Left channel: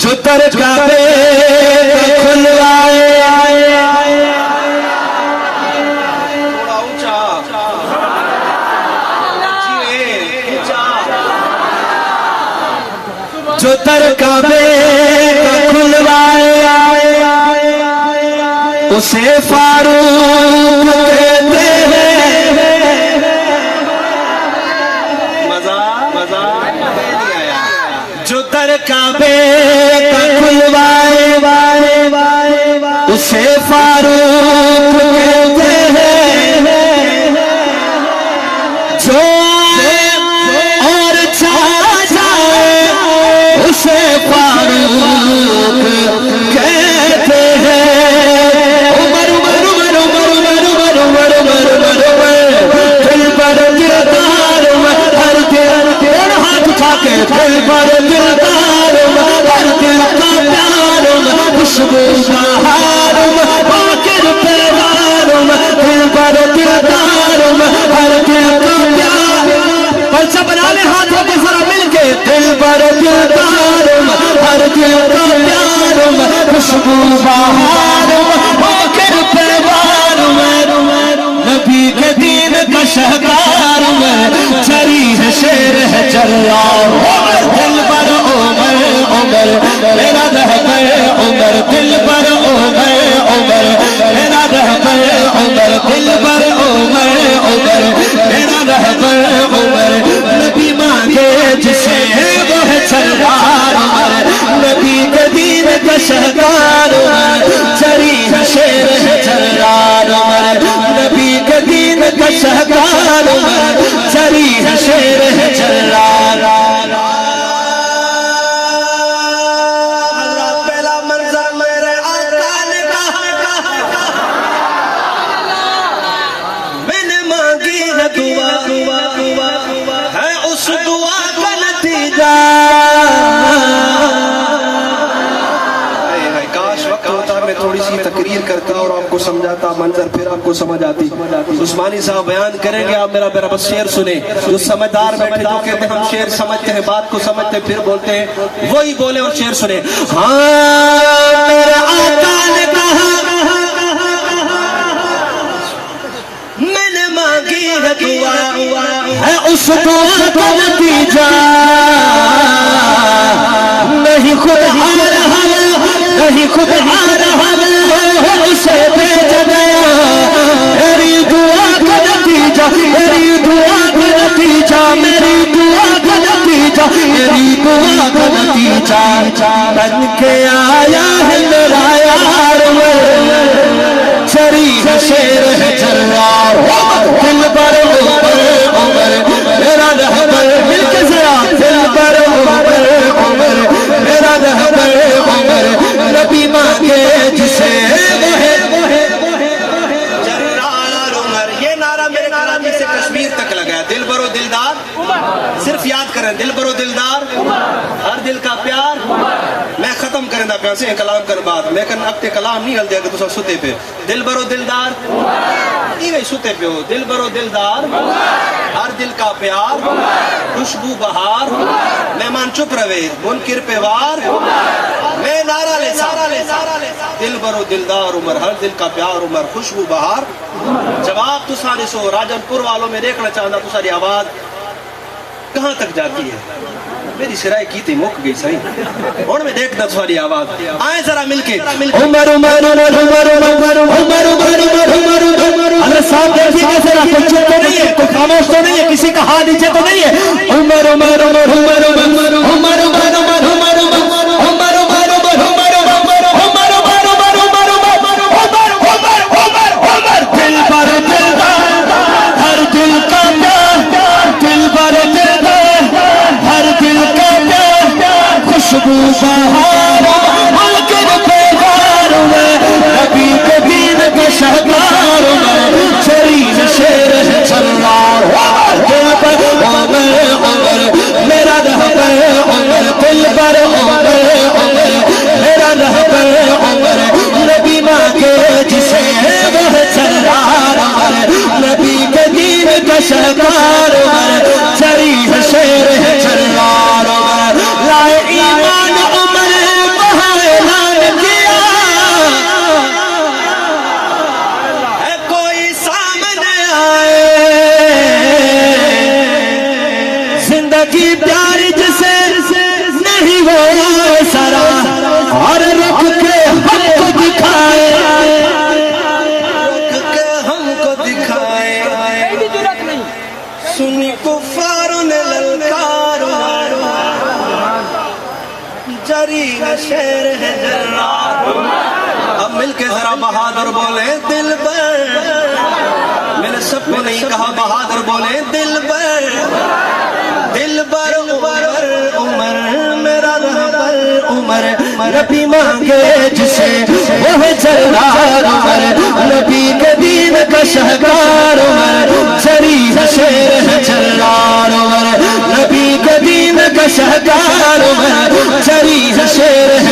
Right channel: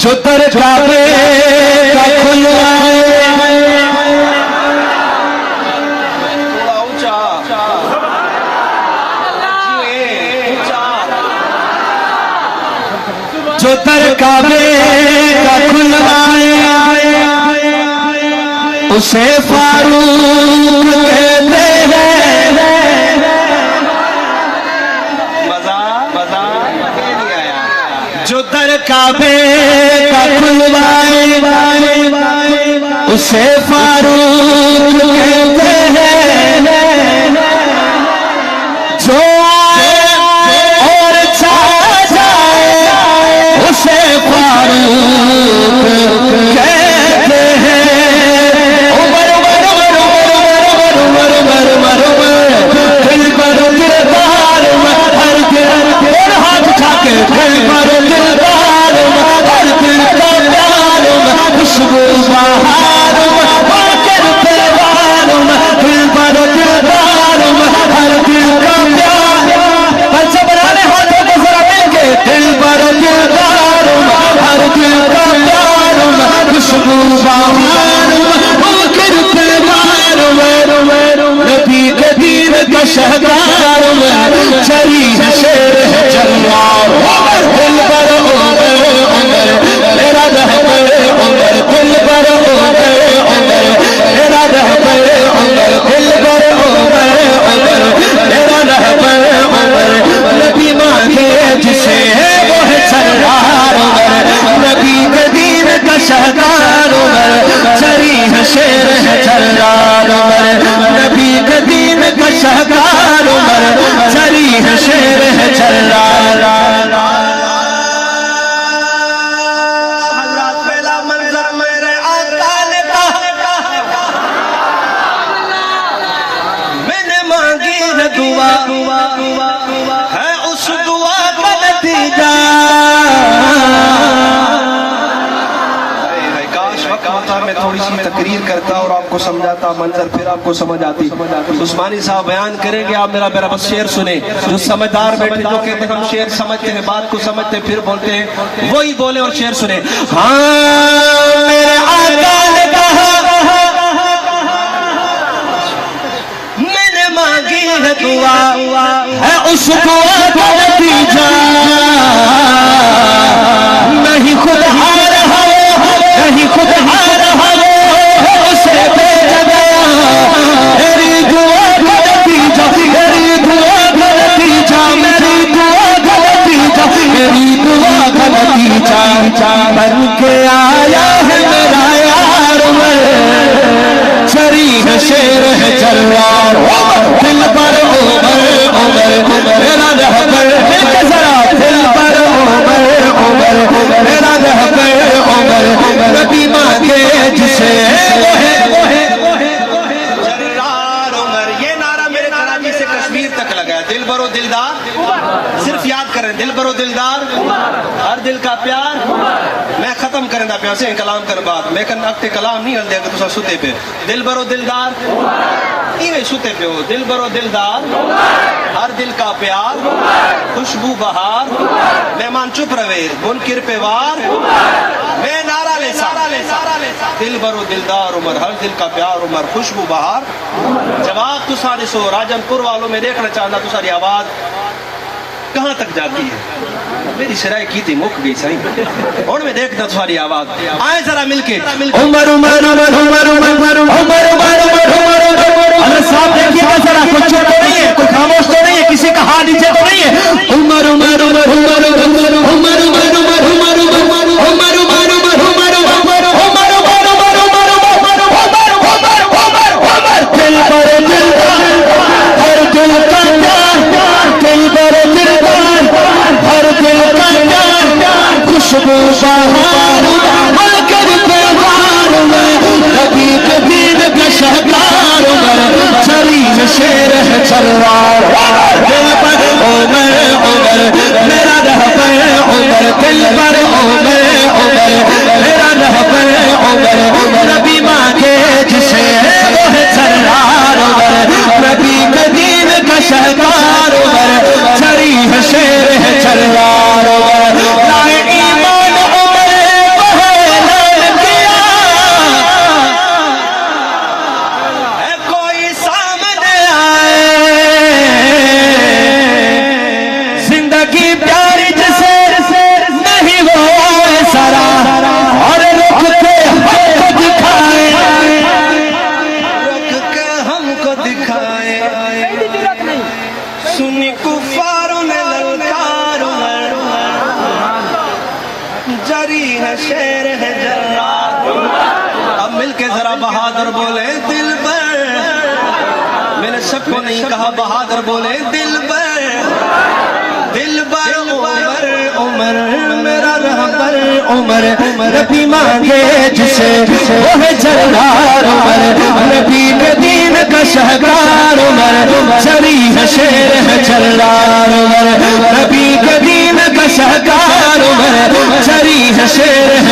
جو در کعبے کا کھلوائے جو در کعبے کا کھلوائے اسے فاروق کہتے ہیں جو در کعبے کا کھلوائے اسے فاروق کہتے ہیں جو آئے اور چھا جائے اسے فاروق کہتے ہیں عمر عمر عمر عمر عمر عمر دل پر دلدار ہر دل پر ہاتھ اٹھا کے دل پر دلدار ہر دل کا پیار خوشبو بہار باقر پیوار دل پر دلدار ہر دل کا پیار پلچہ بنا لے ہاتھوں کو ذرا مل کے دل پر دلدار ہر دل کا پیار خوشبو بہار باقر پیوار نبی کے دین کا شہدار چری ہے شیر ہے جلال دل پر عمر عمر میرا رہبر عمر دل پر عمر عمر میرا رہبر عمر دل پر عمر عمر میرا رہبر عمر نبی مانگے جسے وہ ہے سردار عمر نبی کے دین کا شہدار عمر چری ہے شیر ہے جلال عمر نبی کے دین کا شہدار عمر چری ہے شیر ہے جلال حضرات پہلا منظر میرے آقا نے کہا میں نے مانگی ہے دعا ہے اس دعا کا نتیجہ کاش وقت ہوتا میں تھوڑی سی تقریر کرتا اور آپ کو سمجھاتا منظر پھر آپ کو سمجھ آتی عثمانی صاحب بیان کریں گے آپ میرا بس شعر سنیں جو سمجھدار بیٹھے جو کہتے ہیں ہم شعر سمجھتے ہیں بات کو سمجھتے پھر بولتے ہیں وہی بولے اور شعر سنیں ہاں میرے آقا نے کہا میں نے مانگی ہے دعا ہے اس دعا کا نتیجہ نہیں خود آ رہا نہیں خود آ رہا اسے بھیج دے میری دعا کا نتیجہ میری دعا کا نتیجہ میری دعا کا نتیجہ میری دعا کا نتیجہ بن کے آیا ہے میرا یار چری ہے شیر ہے جلال دل پر عمر عمر میرا رہبر دل کے ذرا دل پر عمر عمر میرا رہبر عمر نبی مانگے جسے جرار عمر یہ نعرہ میرے کراچی سے کشمیر تک لگا ہے دل برو دلدار صرف یاد کریں دل برو دلدار ہر دل کا پیار میں ختم کریں دا پیار سے کلام کر بعد میں کن اکتے کلام نہیں ہل دے گا تو ستے پہ دل برو دلدار ایوے ستے پہ ہو دل برو دلدار ہر دل کا پیار خوشبو بہار مہمان چپ روے منکر پہ وار میں نعرہ لے سا دل برو دلدار عمر ہر دل کا پیار عمر خوشبو بہار جواب تو سارے سو راجن پور والوں میں دیکھنا چاہتا تو ساری آواز کہاں تک جاتی ہے میری شرائع کی تھی مک گئی صحیح اور میں دیکھتا تو ساری آواز آئیں ذرا مل کے عمر عمر عمر عمر عمر عمر عمر عمر عمر صاحب دیکھیے گا ذرا کوئی چپ تو نہیں ہے کوئی خاموش تو نہیں ہے کسی کا ہاتھ نیچے تو نہیں ہے عمر عمر عمر عمر عمر عمر عمر عمر عمر خوشبو بہار ملکر پیوار نبی کے دین کا شہدار چری شیر ہے جلال دل پر عمر عمر میرا رہبر عمر دل پر عمر عمر میرا رہبر عمر نبی مانگے جسے وہ جلال نبی کے دین کا شہدار چری شیر ہے جلال ایمان عمر چری ہے شیر ہے جلال. اب مل کے ذرا بہادر بولے دل بر. میں نے سب کو نہیں کہا بہادر بولے دل بر. دل بر عمر عمر میرا رہبر عمر. نبی مانگے جسے وہ ہے جلال عمر. نبی کے دین کا شہکار عمر. چری ہے شیر ہے جلال عمر. نبی کے دین کا شہکار عمر. چری ہے شیر